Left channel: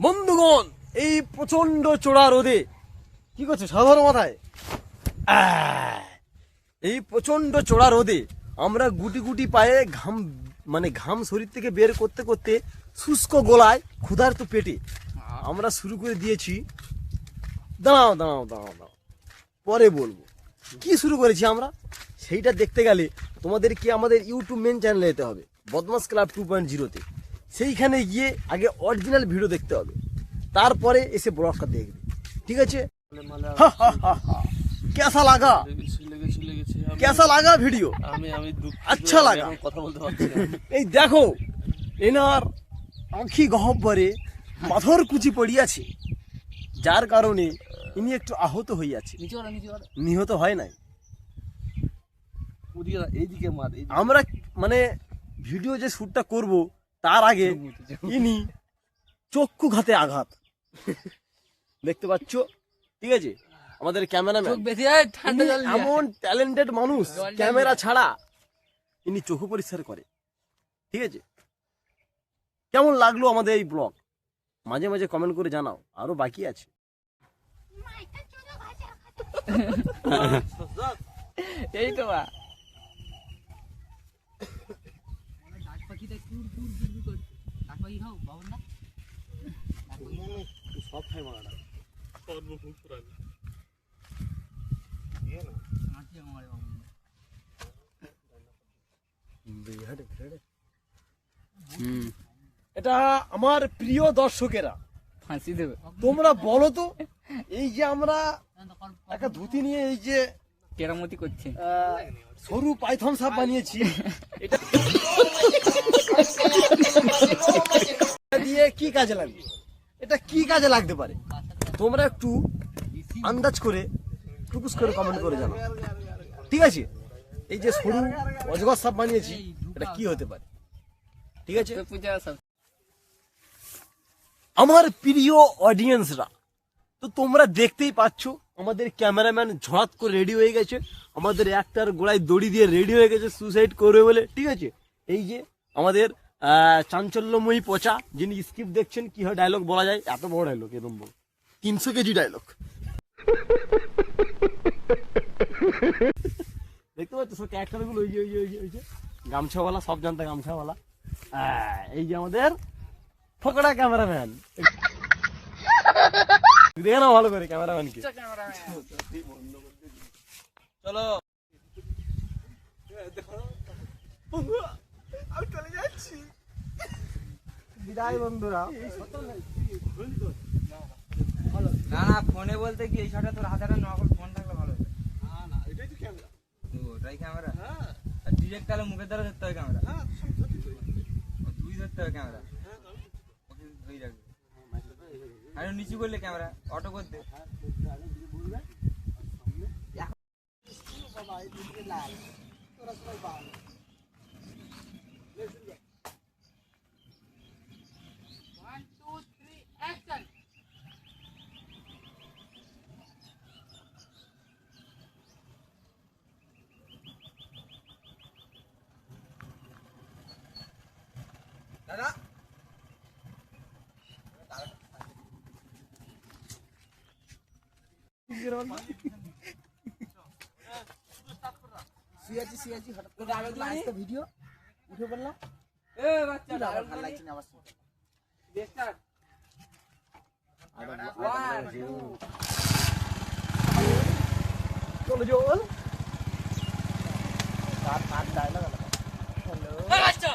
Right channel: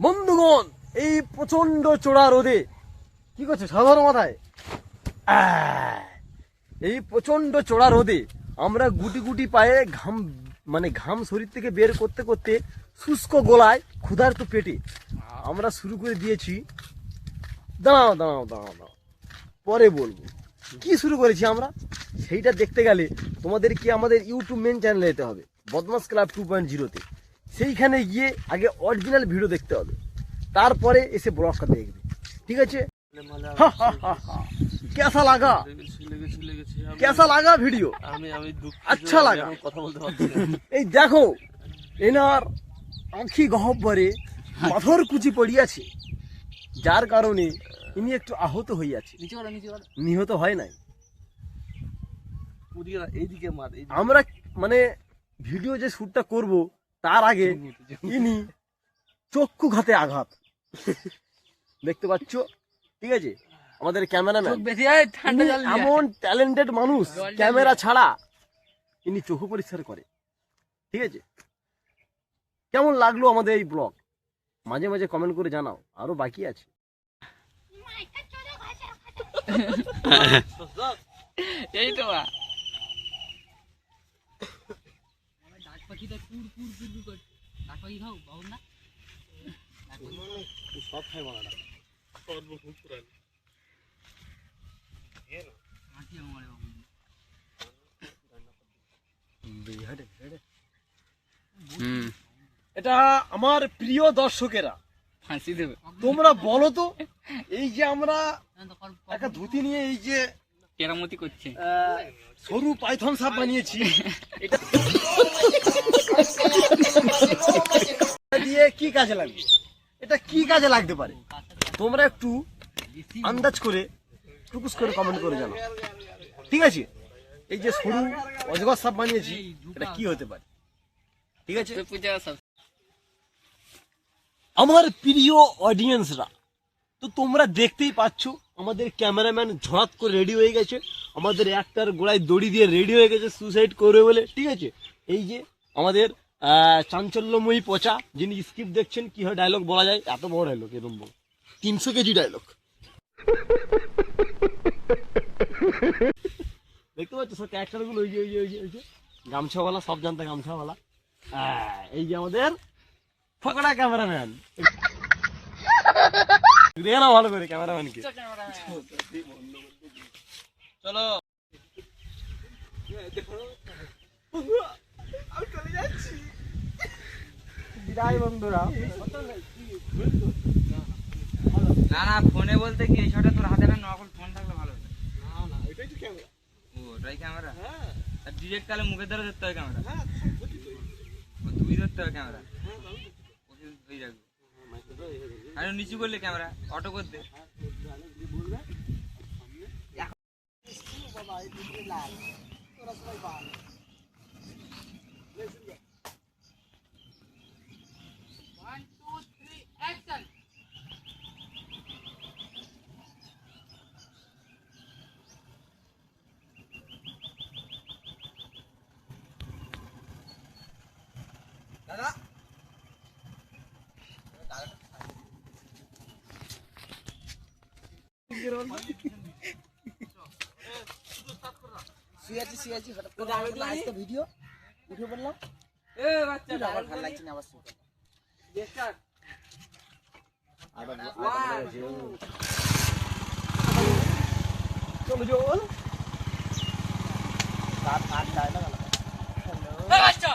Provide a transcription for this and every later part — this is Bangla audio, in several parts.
বন্ধুগণ, এই প্রচন্ড চড়া রোদে কি করছে সাধারণ মাথায়? এই প্রচন্ড চড়া রোদে আমরা গুটি গুটি পায়ে ঘাম শরীর থেকে বের করতে করতে শুষ্ক গলায় ক্ষুধার্ত পেটে আমরা শুরু করে দিয়েছি। দাঁড়াও দাঁড়াও দাঁড়াও দাঁড়াও, পরে বলবো কি শুরু করেছি আমরা। সেইটা দেখতে গেলে তোমাদেরকে আমাদের ইউটিউব মেন চ্যানেলে যেতে হবে, বদমাস ক্লাব 2.0-তে। সেইখানে গিয়ে আগে অরিজিনাল ভিডিও দেখতে হবে, তারপরে এসে ব্লগটা দেখবে, ঠিক আছে? कैसा लगा? कैसा लगा ভিডিও? আচ্ছা লাগা? এই দেখো, এনার আঁখি গহ্বরে পাথর কুচি পড়িয়াছে, যার কারণে ইনি একটু আহত হইয়াছে। নিহত হয় নাই। আমরা মানে ভিডিও যে শ্যুটটা করব তার আগে ইনি চক্ষুঘাতে আঘাত দেখতে পাচ্ছ, ঠিক আছে? আমাদের ক্যামেরাম্যান এমন ট্যালেন্টেড মানুষ, ক্যামেরা ছাড়া ইনি চোখ পরিষ্কার করে, ঠিক আছে? কেমন লাগলো আমাদের এই ব্লগ মাঝে মাঝে কমেন্ট করে জানাও, আরো বাকি আছে। এই তো সব খাই মারা এটা আমার প্রিয় দর্শকেরা, তোমরা বলো তো, এই যে আমরা একটা ধুতি নিয়ে এই যে কেরামতি করছে, সরু পাইথন সাপ বানিয়েছি, এটা দিয়ে কি কাজে লাগবে? এটা কি কাজে লাগতে পারে তোমরা একটু আন্দাজ করে টুকুস করে কমেন্ট করে জানাও, ঠিক আছে? এই যে সরু অজগর সাপ বানিয়েছি, এটা কি হতে পারে, ঠিক আছে? আমার প্রিয় অডিয়েন্সরা, তো তোমরা দেখতেই পাচ্ছ আমাদের ক্যামেরাম্যান ঝড়াত করে রেডি হয়ে গেছে, আমাদের একটার গোড়ায় দড়ি দিয়ে রেডি হয়ে গেছে সুসাইড করবে বলে, ঠিক আছে? এই যে আমাদের চাঞ্চল্যময়ী পচা, যিনি স্ক্রিপ্ট দেখছেন, কি হয় ডায়লগ বলা যায়, এত বড় ডায়লগ, এরকম বড় 300 কেজি ডায়লগ দেখতে পাচ্ছ সব ক্যারেক্টারগুলো, ওই যে ওই যে ওই যে ওই যে গামছাওয়ালা, সব জানতা গামছাওয়ালা। এই যে আমাদের ফকড়া ক্যামেরাম্যান, দেখে না ভালো করে ক্যামেরাম্যানকে। চলো আমি চলে যাচ্ছি, বিদায় বন্ধুরা। না না, ফোনে বলতে কি এই ছটা তোর হাতে না, নকল ফোন থাকলে ভালো হতো। না না, এটাই তো ক্যামেরা। ও ওটাই ক্যামেরা? হ্যাঁ। আর ডিরেক্ট তাহলে মুখের দ্বারা ধরতে হবে ক্যামেরা? হ্যাঁ, তুই ধরতে হবে ক্যামেরা, হ্যাঁ, ওকে ধরে রাখবি। আর নিচু করলে ক্যামেরা অটো করতে। বাবা এই দিকে লাল, তোরা সবাই বাল। দাদা সিয়াজি হঠাৎ করে আজকে ভিডিও উঠে পড়লাম। এ বাচ্চা আবার ভালো লাগছে না, আবার দেখছাস চলো জল বাচ্চা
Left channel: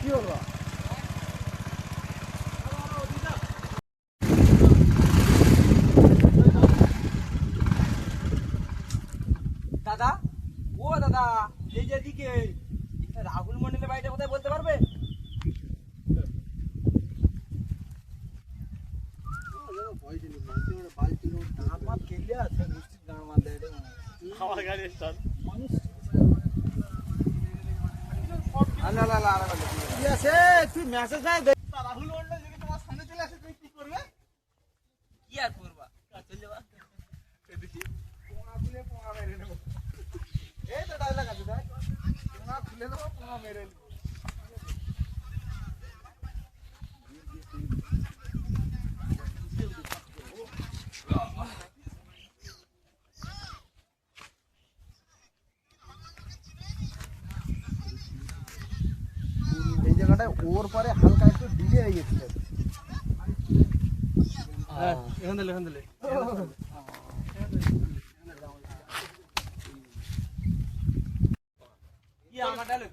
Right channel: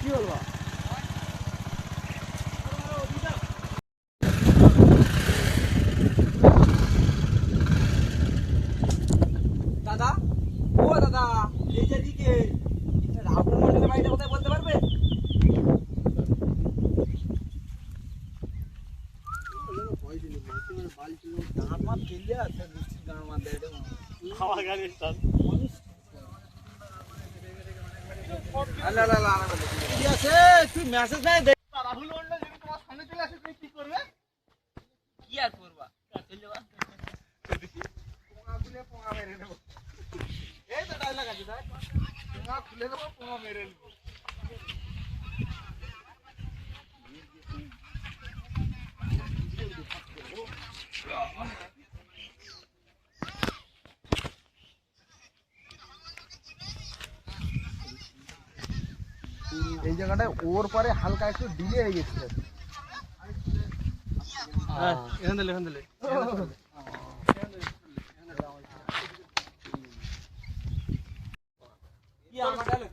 কি বলবো? দাদা, ও দাদা, এই যে দিকে রাহুল মন্ডলের বাড়িটা কোথায় বলতে পারবে? তুই মেসেজ দেখ, রাহুল মন্ডল যদি তোমার সামনে চলে আসে তুমি কি করবে? কি আর করবা, চলে যাবা, পোঙা খুলে পোঙা মেরে নেবো। এই তো ডায়লগ আছে, দেখ, পোঙা খুলে নেবো, পোঙা মেরে নেবো। জায়গাটায় ওর পরে হালকা একটু ডিলে হয়ে গেছিল। এখান দিলে কি আমার ডালে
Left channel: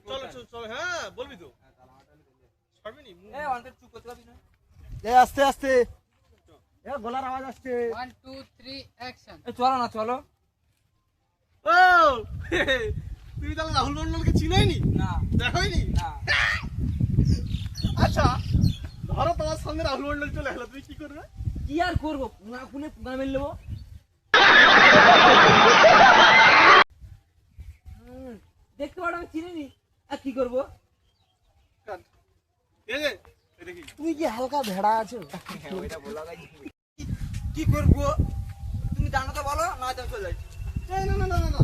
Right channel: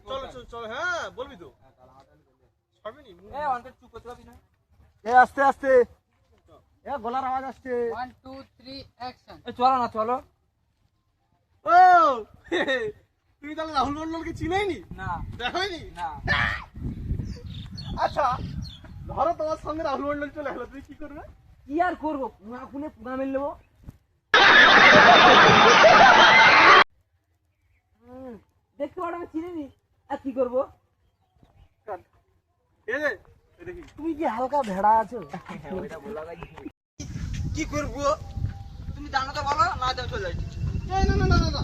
চল হ্যাঁ বলবি তো ছাড়বি নি এ অন্তত চুপ করতে পারবি না এ আস্তে আস্তে, এ গলার আওয়াজ আসছে। 1 2 3 অ্যাকশন। এ চলো না চলো ও তুমি তাহলে রাহুল মন্ডলকে চিনোইনি না দেখোইনি না আচ্ছা ধরো তোমার সঙ্গে রাহুল মন্ডল চলে এলো তুমি কি করবে কি আর করবো পুনা খুনে পুনা মেল নেবো দেখতে পারো আমি চিনিনি আর কি করবো এই যে এটা কি তুমি কি হালকা ভেড়া আছো? কি করবো তুমি জানো তো বলো না তো চলে যাই না না না না না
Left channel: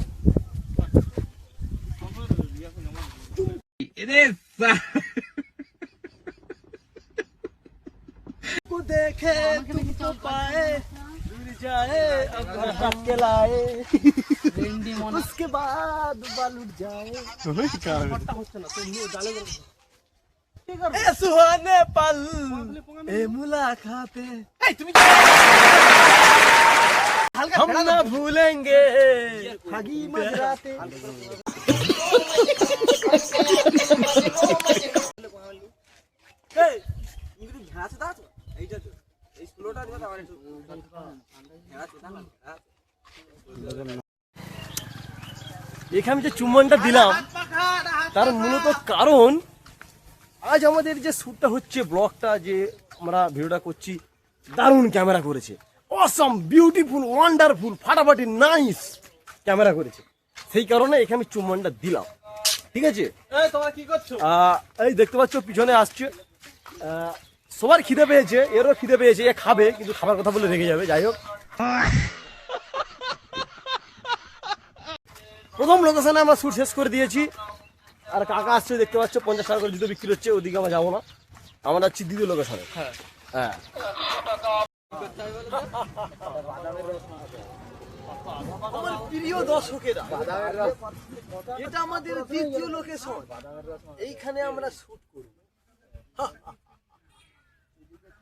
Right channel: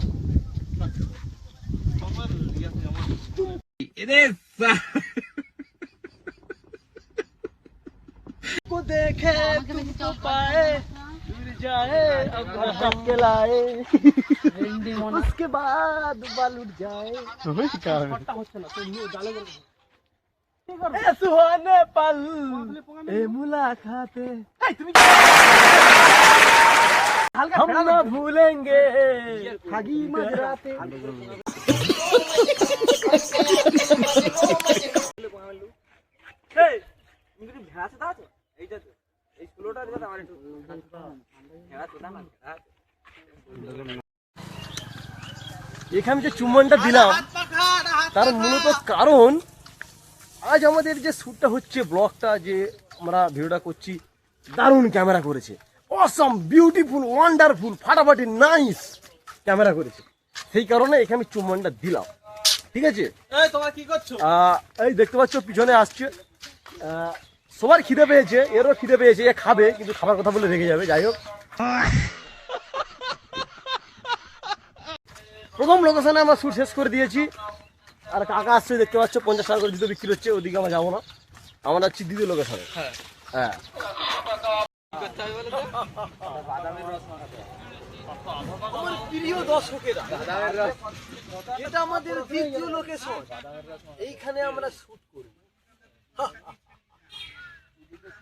को देखे तुमको पाए दूर जाए अब हम के लाए उसके बाद बाल उठ जाए হচ্ছে না তুমি জালে ए सुहाने पल ए मुलाकातें এই তুমি हम न भूलेंगे ठगी मजराते এই তুমি কি ভেড়া আছে দাও এইটা তো এই স্কুলটা দিতে আমার একটু ভেড়া তো না এখানে যে চুম্বনটা দিলাম তার মূলত কারণ আজ আমাদের যে শ্যুটটা হচ্ছে, ব্লগটা যে আমরা ভিডিওটা করছি, দারুণ ক্যামেরা করেছে, অসম বিউটিফুল ওয়ান্ডারফুল ফাটাফাটি নাইস ক্যামেরা করেছে। সেই কারণে এখানে আমি চুম্বনটা দিলাম, ঠিক আছে। এই তোমরা কি করছো এই দেখতে পাচ্ছ পিছনে আসছে, সবার খিদে পেয়েছে, এরও খিদে পেয়েছে, এ খাবে কিন্তু খাবার কথা বলে রেখে যাবে। যাই হোক, প্রথম লোকেশনে আমরা শ্যুট শেষ করে দিয়েছি, আর কাকা আসছে দেখতে পাচ্ছ, 50 টাকা করে জুতো বিক্রি হচ্ছে, ওদিকে আমরা যাবো না, আমরা যাচ্ছি দ্বিতীয় লোকেশনে। হ্যাঁ আমার প্রিয় দর্শকেরা, এটা আমাদের দ্বিতীয় লোকেশন, এইখানে আমরা শুট করি।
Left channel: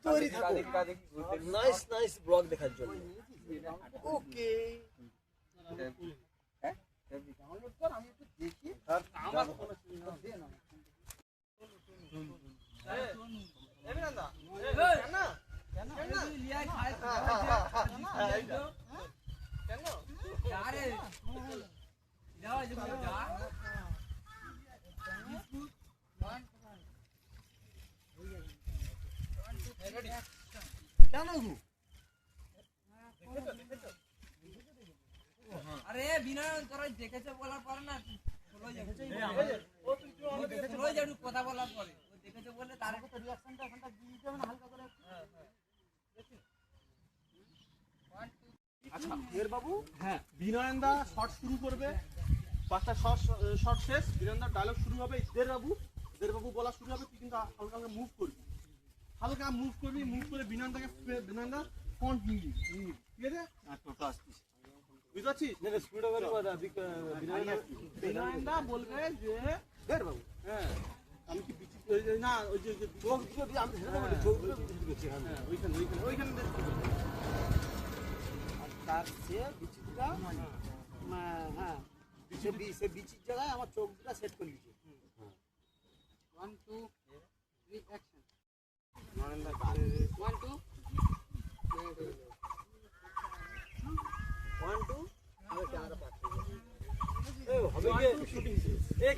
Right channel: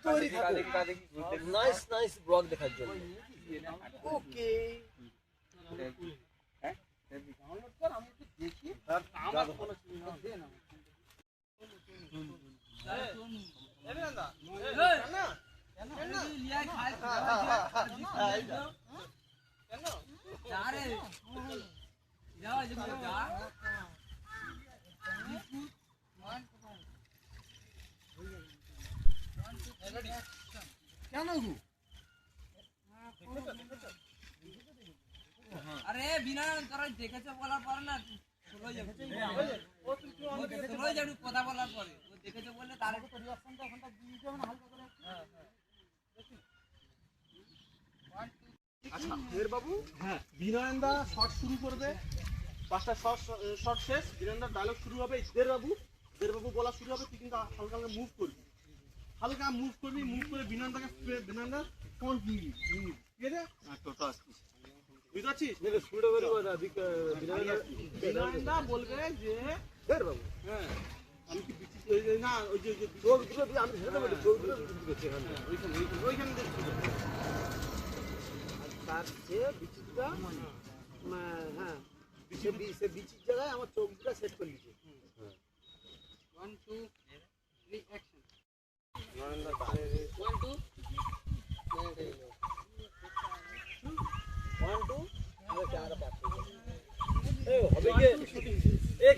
তৈরি থাকো নাইস নাইস ব্লগ দেখার জন্য। ওকে আরে বিনা তোরা দেখেছে বলার পর না কথা বলার পরে ও দেখেছে বলে তার তো রিঅ্যাকশনটা এখনটা দিয়ে দিতে হবে না হালকা করে। আচ্ছা মেয়ের বাবু হ্যাঁ বিনয়নদা শর্ট শুরু করবে, 5টা শর্ট শেষ, বিনয়নদার ডায়লগ শুরু হবে, দের বাবু বলা শুরু হবে, তুই কিন্তু হালকা হালকা মুভ করবি, মুভ করে বিনয়নদা ফন্ট নিবি, ঠিক আছে? বুঝতে পারছিস? বিনয়নদা বলবে যে হ্যাঁ আমি কি বিচিত্র না ওই যে ওইখানে দেখতে বিচির জায়গায় আমার চোখ দুটা সেট করে দিচ্ছে। 1 2 3 অ্যাকশন। 1 2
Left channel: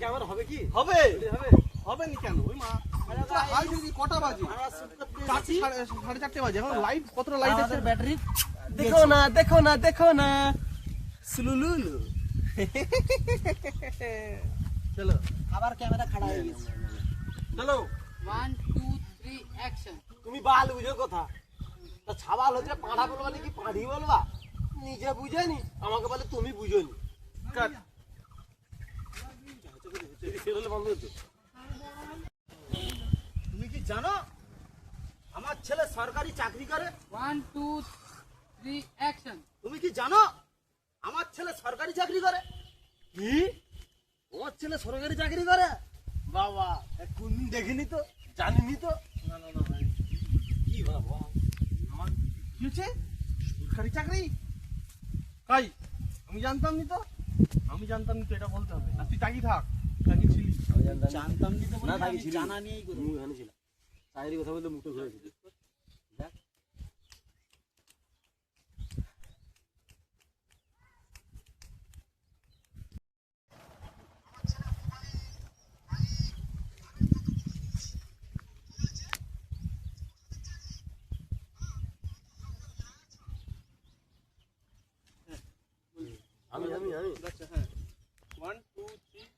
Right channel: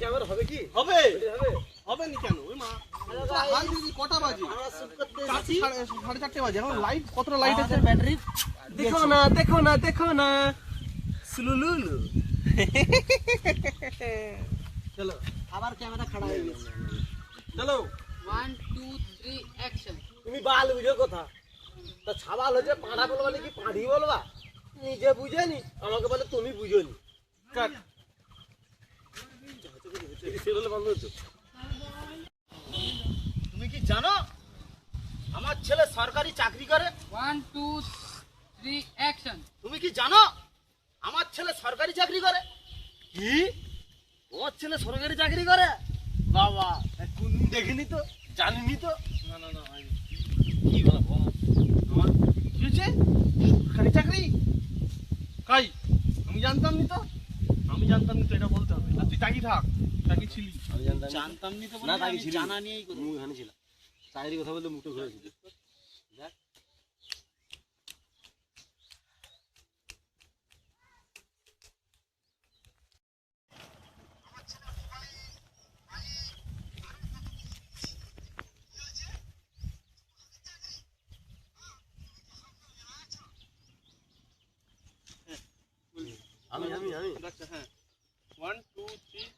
ক্যামেরা হবে কি? হবে নি কেন? ওই মা হাল দিদি কটা বাজে? 4:30 বাজে। এখন লাইট কতটা লাইট আছে ব্যাটারি দেখো না সুলুলুলু। চলো আবার ক্যামেরা খাড়া হয়ে গেছে। চলো 1 2 3 অ্যাকশন। তুমি বাল বুঝো কথা, তা ছাবাল হচ্ছে পাঁড়া বলবা নাকি পাঁড়ি বলবা? নিজে বুঝেনি, আমাকে বলে তুমি বুঝোনি। কাট তুমি কি জানো আমার ছেলে সরকারি চাকরি করে? 1 2 3 অ্যাকশন। তুমি কি জানো আমার ছেলে সরকারি চাকরি করে? কি আমার ছেলে সরকারি চাকরি করে? বাবা কোনদিন দেখিনি তো, জানিনি তো। না না না ভাই কি বাবা, আমার কি হয়েছে সরকারি চাকরি কাই আমি জানতাম নি তো এটা বলতে হবে আর তুই চাকরি থাক চাকরি ছিলি আমি জানতাম জানতাম নি তো না, বলে তাকে আমি ছিল জানা নিয়েই কথা মুখ এখানে ছিল, চাকরির কথা বলতে মুখটা ঘুরেছিল। দেখ আমি আমি আমি আচ্ছা হ্যাঁ 1 2 3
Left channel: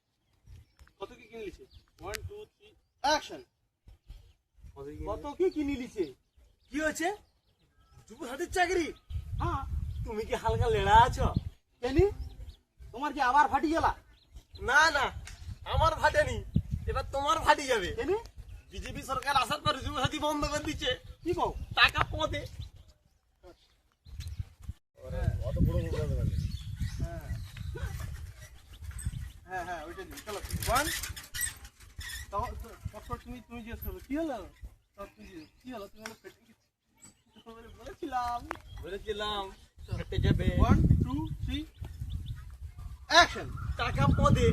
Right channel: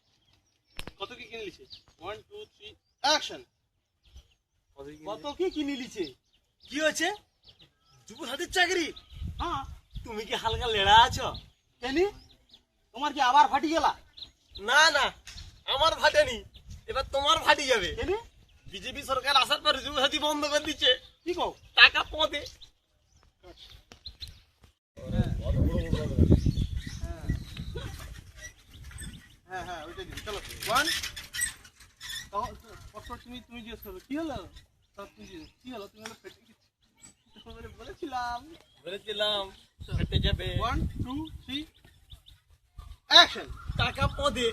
কত কি কিনে নিছে 1 2 3 অ্যাকশন কত কি কিনে নিচ্ছে? কি হয়েছে? যুব সাথীর চাকরি? হ্যাঁ তুমি কি হালকা লেড়া আছো? কেনি তোমার কি আবার ফাটি গেলা না না, আমার ফাটেনি, এবার তোমার ফাটি যাবে। কেনি বিজেপি সরকার আসার পর যুব সাথী বন্ধ করে দিচ্ছে, কি কও টাকা পদে। হ্যাঁ হ্যাঁ ওইটা দিন চলো 1 তখন তুমি জিজ্ঞেস করবে কি হলো তখন তুমি কি হলো তুমি হলো ফেটে গেছি বলেছিলাম ফেটে যাবে। 1 2 3 অ্যাকশন টাকা পদে।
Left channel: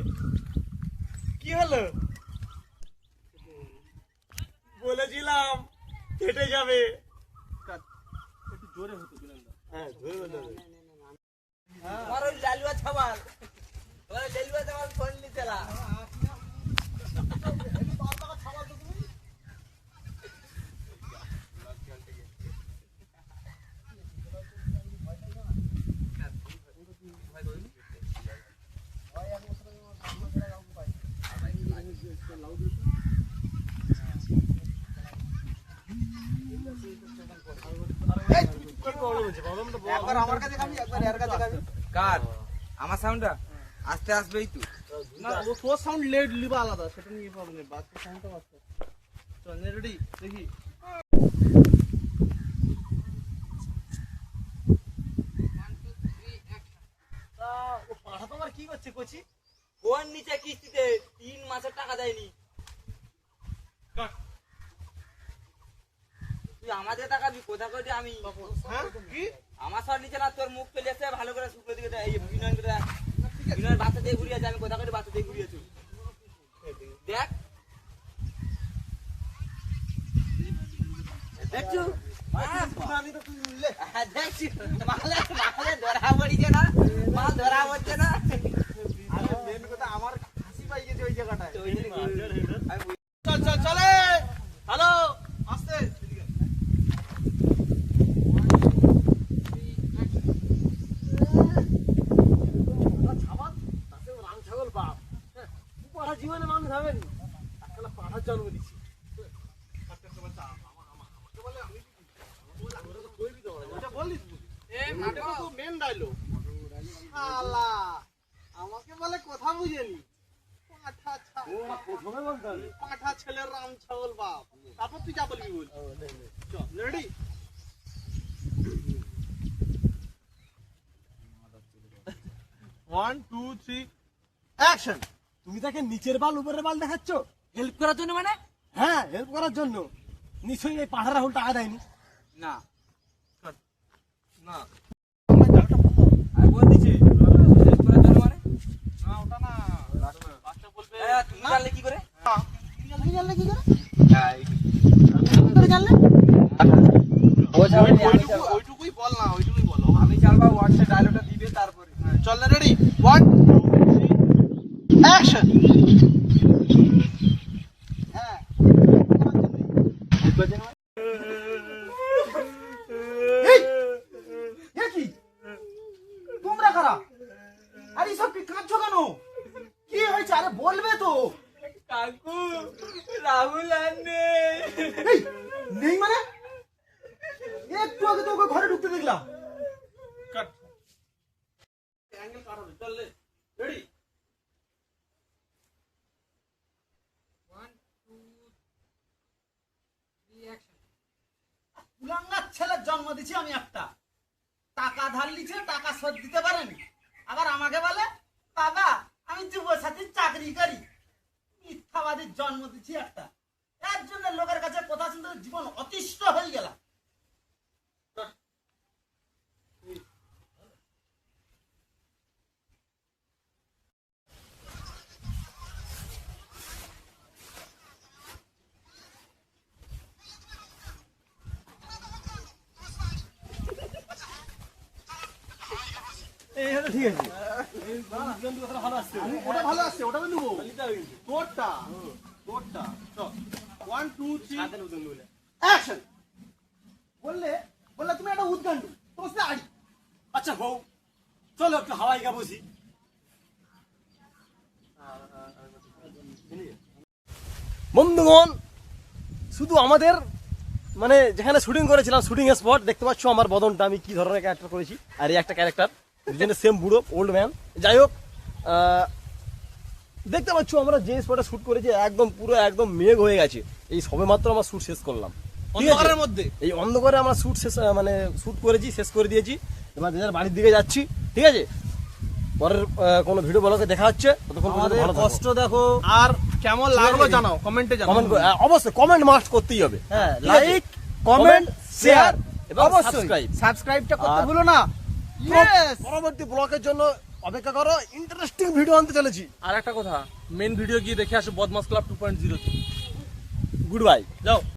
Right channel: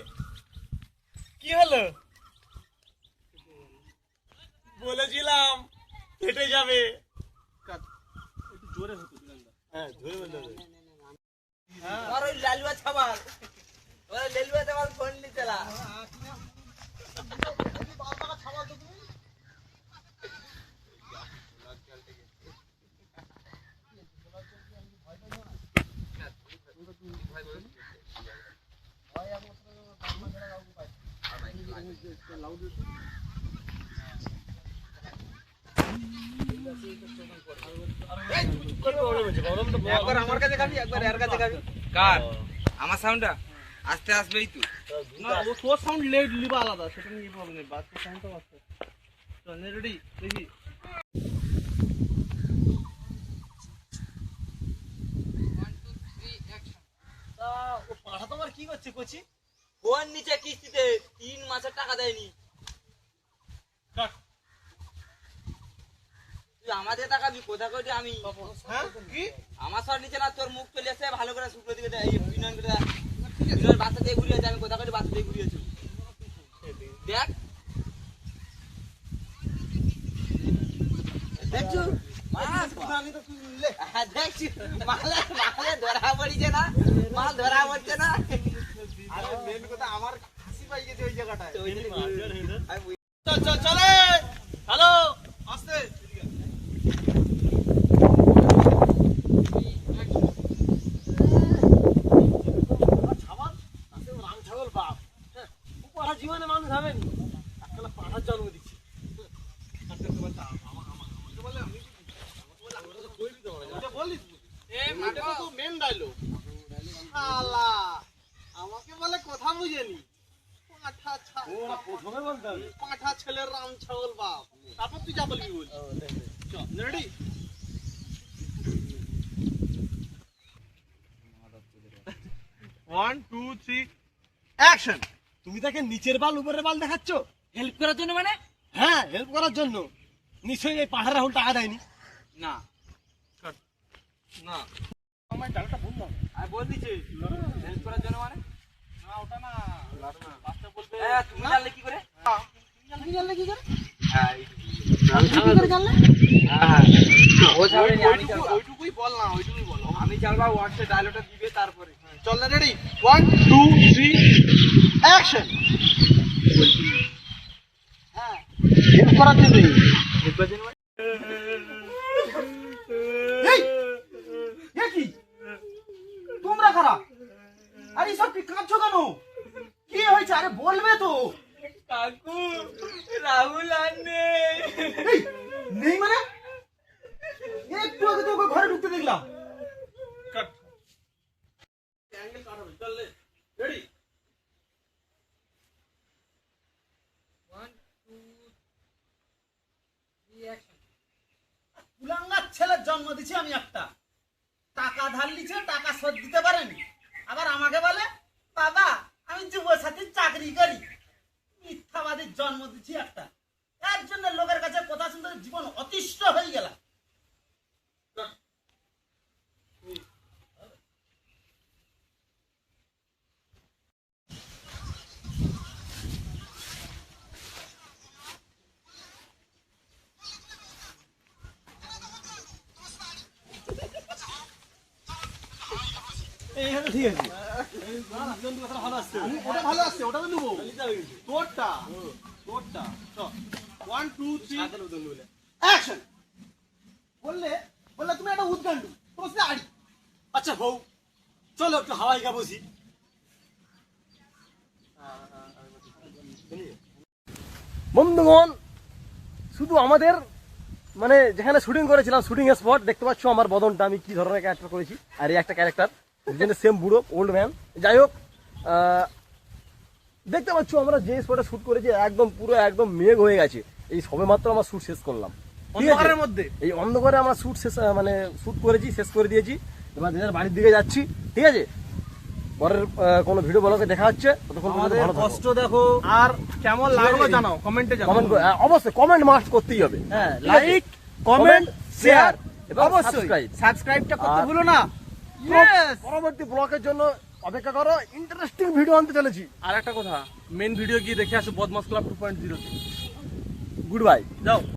কি হলো? বলেছিলাম ফেটে যাবে। কাট একটু জোরে হতো বিনন্দা হ্যাঁ ধরে বলতে হবে। হ্যাঁ আর ওই লালুয়া ছাবাল ফোন নিতেলা একবার আমার কাছে খাবি একবার এর কাছে খাবি কার আমার সাউন্ডটা আস্তে আসবেই তো না ও তোর সাউন্ড লেড লিবা আলাদা সেটা নিয়ে প্রবলেম নেই বাস তোর সাউন্ডটা বাস চল রেডি দেখি 1 2 3 অ্যাকশন তা ও পাঠা তোমার কি করছে কচি? ফোন নিচে কিস্তিতে 3 মাসের টাকা দেয়নি কাট তুই আমাদের টাকা বি কোথা করে আমি হ্যাঁ কি আমার সর নিচে না তোর মুখ চলে এসে ভালো করে শুকনো দিকে দেয় এই বিনয় বাচ্চা দিয়ে ঘুরিয়েছে আমি কোথা করে বাচ্চা দিয়ে ঘুরিয়েছি দেখ দেখছো আমি তো তুই নিলে দেখছি মালে মালে ধরা পড়িছে না মাল ধরা পড়ছে না আরে মেন কথা আমার হাসি পাই গেছে ওই জায়গাটায় আমি চল চল চলে হ্যালো আস্তে এদিকে। 3 অ্যাকশন ছাগল তাতে রাং ছাগল বাপ। হ্যাঁ, ও পাঠা জীবনে মানুষ হবেনি, একটা পাঠার জন্ম দিচ্ছি। ওটা বলিস নাটকে তো মেন ডায়লগ আলা আমাকে বলে কথা বুঝেনি পাঠা ও না প্রথমে বলতে হবে। পাঠা ছেলের রাম ছাগল বাপ তারপর তুই যা বলবি বল চল ready one two three action তুমি তাকে নিচের বাল উপরের বাল দেখাচ্ছ? হেল্প করার জন্য মানে হ্যাঁ, হেল্প করার জন্য। নিশ্চয়ই এই পাঠার রাহুল টাকা দেয়নি। না না আর বল দিছি হেল্প করার জন্য মানে না ওটা না বাচ্চা বলবে তুমি জানলে কি করে তুমি জানলে কি করে ওইটুকুই বল না ওইটুকুই বল আমি চালবা হোয়াটসঅ্যাপ ডায়লগটা দিবে তারপরে চল না রেডি 1 2 3 অ্যাকশন হ্যাঁ হেল্প করার জন্য এই এ কি তোমরা খারাপ আরে সব কি কাঁদছো কেন কি হয়েছে আরে বলবে তো কাকু রাহুল আনে এই, নেই মানে একটু আগে তো ওকে ঘরে ঢুকতে দেখলাম কাট অ্যাঙ্গেল কাট হবে চল রেডি 1 2 3 অ্যাকশন কুলাঙ্গার ছেলের জন্ম দিছি আমি একটা টাকা ধার লিছে টাকা শোধ দিতে পারেনি আবার আমাকে বলে বাবা আমি যুব সাথী চাকরি করি মিথ্যা মিথ্যাবাদীর জন্ম দিচ্ছি একটা, এর জন্য লোকের কাছে কথা শুনতে জীবন অতিষ্ঠ হয়ে গেল। ঠিক আছে ওটা ভালো আসছে, ওটা তো নেবো। তোরটা তোরটা 1 2 3 অ্যাকশন। বললে বললে তুমি একটা উদ্গান্ডু, তোমার সাথে আড়ি। আচ্ছা বউ চলো একটু হাওয়াই গা বসি। বন্ধুগণ, শুধু আমাদের মানে যেখানে শুটিং করেছিলাম শুটিং স্পট দেখতে পাচ্ছ আমার বদনটা আমি কি ধরনের ক্যারেক্টার করেছি, আর এই একটা ক্যারেক্টার দুজনে সেম বুড়ো ওল্ড ম্যান। যাই হোক, দেখতে পাচ্ছ আমরা যে স্পটে শুট করেছি একদম পুরো একদম মেঘ হয়ে গেছে। এই সবে মাত্র আমরা শুট শেষ করলাম ঠিক আছে? অন্ধকারের মধ্যে এই অন্ধকারে আমরা শুট শেষ মানে শুট করেছি, শেষ করে দিয়েছি। এবার যে যার বাড়ির দিকে যাচ্ছি ঠিক আছে। পরের কোনো ভিডিও ব্লগে দেখা হচ্ছে, ততক্ষণ পর্যন্ত ভালো থাকো। কষ্ট দেখো, আর কেমন লাগলো জানাও, কমেন্টে জানাও। কমেন্ট অবশ্যই কমেন্ট মাস্ট করতেই হবে। হ্যাঁ, ঠিক আছে? লাইক, কমেন্ট, শেয়ার এবং অবশ্যই সাবস্ক্রাইব। সাবস্ক্রাইবটা করতে আর- ভুলো না। পরবর্তী ব্লগের জন্য অপেক্ষা করো, ইন্টারেস্টিং ভিডিও আনতে চলেছি। আর একটা কথা, মেন ভিডিও গিয়ে দেখে আসো বদমাস ক্লাব 2.0 তে। Good bye. যাও।